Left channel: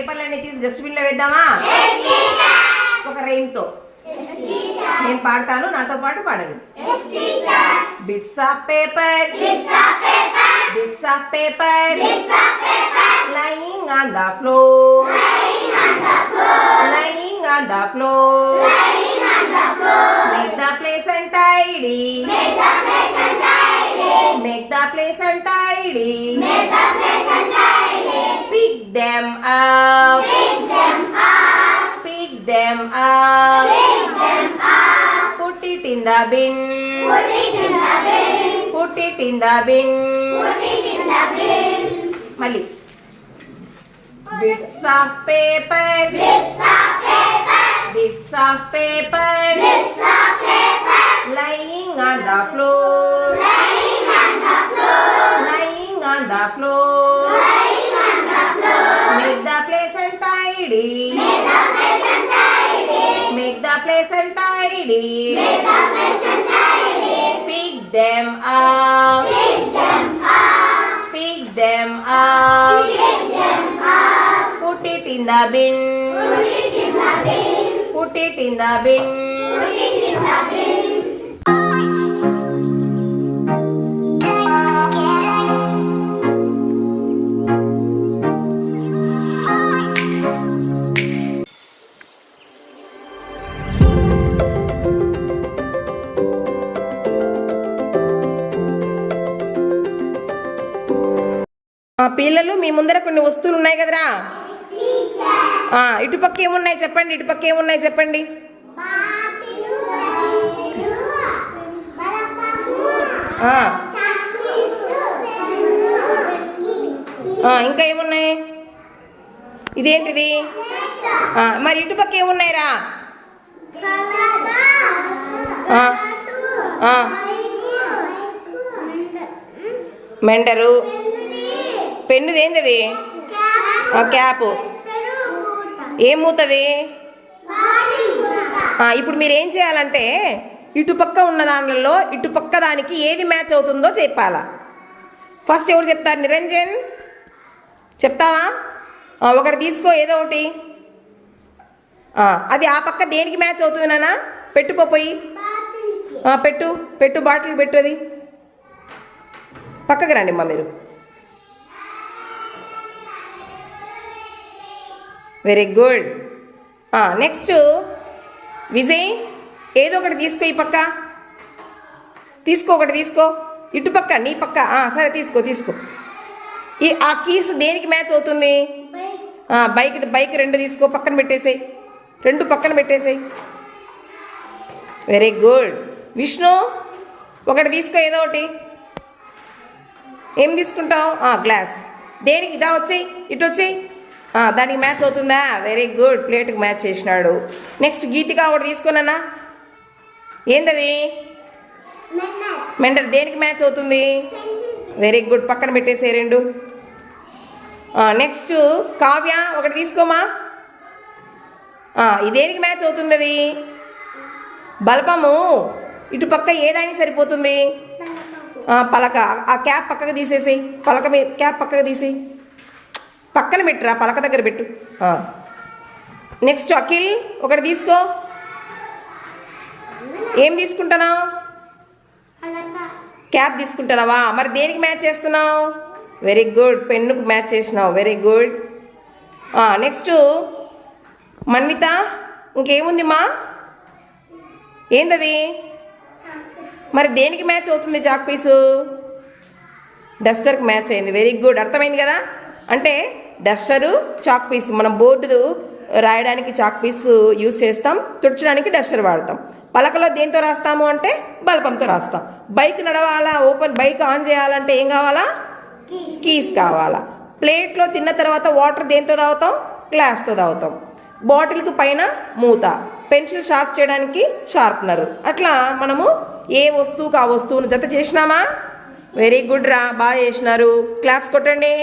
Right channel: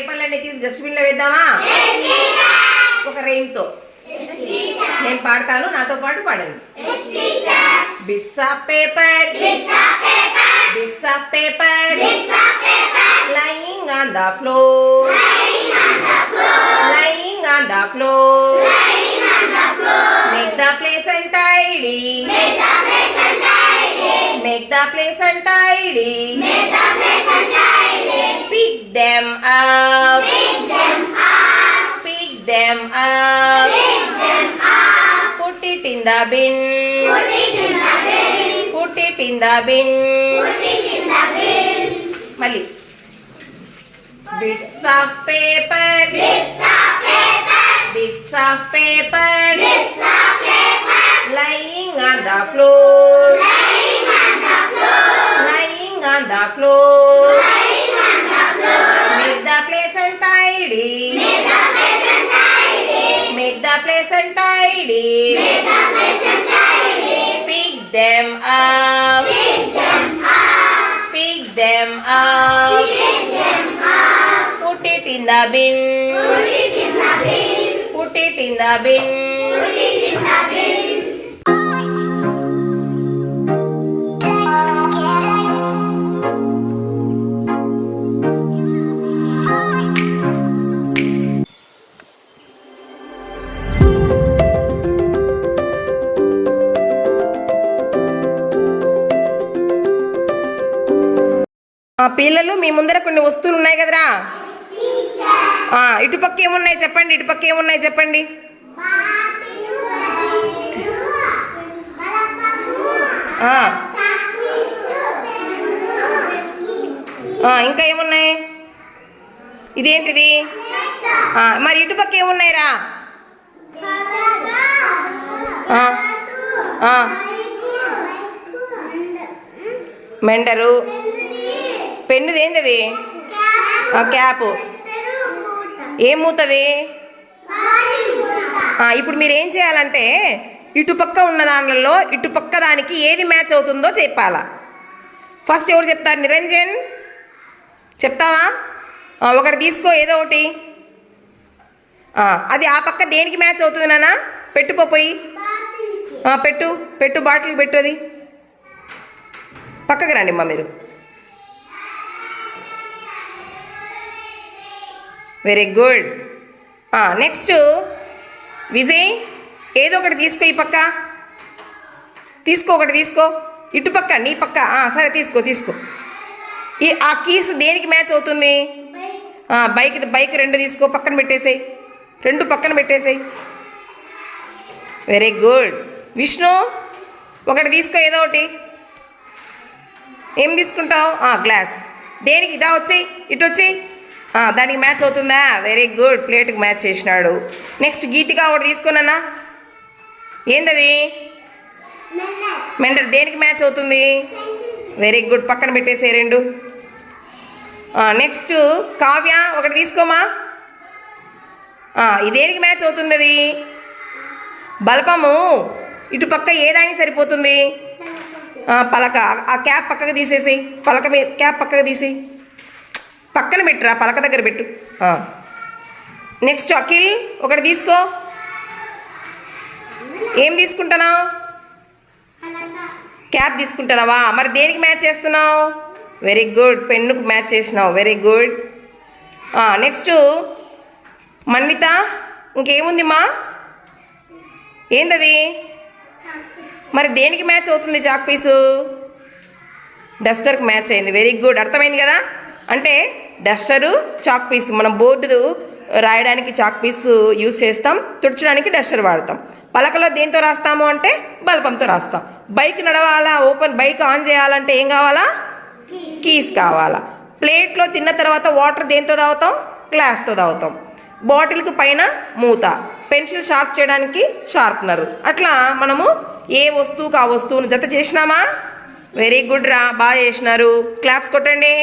పేపర్లన్నీ తీసి డస్ట్బిన్లో వేద్దామా? ఒక రైమ్తో నేను పాడతాను, నాతో పాటు పాడండి. Bits of paper, bits of paper, lying on the floor, lying on the floor. Make the place and tidy, make the place untidy, pick them up, pick them up, put it in the bin, put it in the bin. Mali. Bits of paper, bits of paper, lying on the floor, lying on the floor. Make the place untidy, make the place untidy, pick them up, pick them up, put it in the bin, put it in the bin. పిల్లలు మీ ముందర కొన్ని వస్తువులు ఉన్నాయి కదరా, ఇటుపక్క ఏమున్నాయి చెప్పండి, ఇటుపక్క ఏమున్నాయి చెప్పండి. ఇంకా ఏమున్నాయి? ఇదేంటిది? మరి ఇటుపక్క ఏమున్నాయిరా? మెండరు, పెన్నుది ఏంటది? క్యాప్. ఏం మూతది? ఇప్పుడు మీరు ఏం చేయాలంటే ఇటుపక్క ఉన్న దానిలో ఇటుపక్క దానికి ఏది మ్యాచ్ అవుతుందో చెప్పాలా. ఫస్ట్ ఎవరు చెప్తారు? నిరంజన్ చెప్తావా? ఒకటి తీసుకో, ఏదో ఒకటి. అది ఆ పక్క దేనికి మ్యాచ్ అవుతుంది నాన్న? పెట్టుపోయి పెట్టు, పెట్టు, బాటిల్ పెట్టు. అది పక్కకి రండి అమ్మా మీరు. Very good. నెక్స్ట్ విజయ్, ఏదో ఒకటి తీసుకో. ఈ పక్క తీసుకో, ఒకటి తీసుకో. ఇటుపక్క నీ పక్క. సరే తీసుకో, తీసుకో. ఆ కీస్ దేనికి మ్యాచ్ అవుతుంది? బైక్ రెండు తీసుకో, పక్కన పెట్టేసాయి. రెండు పక్కన పెట్టేసాయి. Very good. విష్ణు, ఒకటి తీసుకో, ఏదో ఒకటి. ఏం తీసుకుంటావు? గ్లాస్. దేనికి? ఇదా వచ్చేయి, ఇటు వచ్చేయి. దానికి మ్యాచ్ అవుతుందా? వెరీ గుడ్, ప్లేట్కి మ్యాచ్ చేసినాడు. నెక్స్ట్ గీతిక, ఒకటి తీసుకున్నానా? ఏందది? మెండర్. దేనికి మ్యాచ్ అవుతుంది? వెరీ గుడ్, పక్కన పెట్టేసే రెండు. నెక్స్ట్ కావ్య, ఒకటి తీసుకోమా. ఇదేనికి మ్యాచ్ అవుతుంది? అది బల్పము. ఇటుపక్క ఏదానికి సరిపోతుంది? పలక. ఆ క్యాప్ పక్కకు తీసేసి, పలక మీద క్యాప్ పక్కకు తీసి పక్కన పెట్టురా, పలక దగ్గర పెట్టు. నెక్స్ట్ అఖిల్, ఒకటి తీసుకో. ఏం తీసుకుంటున్నావు? క్యాప్ తీసుకుంటున్నావా? మరి దేనికి మ్యాచ్ చేస్తున్నావు? వెరీ గుడ్, పెన్నుకు మ్యాచ్ చేసినావు. Very good. నెక్స్ట్ మన్విత, ఇంకేముంది మా? ఏందది? మరి దేనికి మ్యాచ్ అవుతుంది చాక్ పీసు? డస్టర్కి మ్యాచ్ అయింది. వెరీ గుడ్, అర్థమైంది కదా. అంటే డస్టరు, చాక్ పీస్. మనం బోర్డు రాయడానికి చాక్ పీస్ యూస్ చేస్తాం, తుడచడానికి డస్టర్ వాడతాం. పలకలో దేంతో రాస్తాము అంటే బల్పంతో రాస్తాం. బైక్ నడవాలా, బైక్ ఆన్ చేయాలంటే ఏం కావాలా? కీస్ కావాలా. ప్లేట్లో తిన్న తర్వాత వాటర్ దేంతో తాగుతాం? గ్లాస్తో తాగుతాం. బాటిల్కి పైన మూత. పెన్సిల్ షార్ప్ చేయడానికి షార్ప్నరు. అట్లా మనము ఏ వస్తువుకు ఆ వస్తువును జత చేసినామా? వెరీ గుడ్ రా, బాగా చేసినారు. క్లాప్స్ కొట్టండి.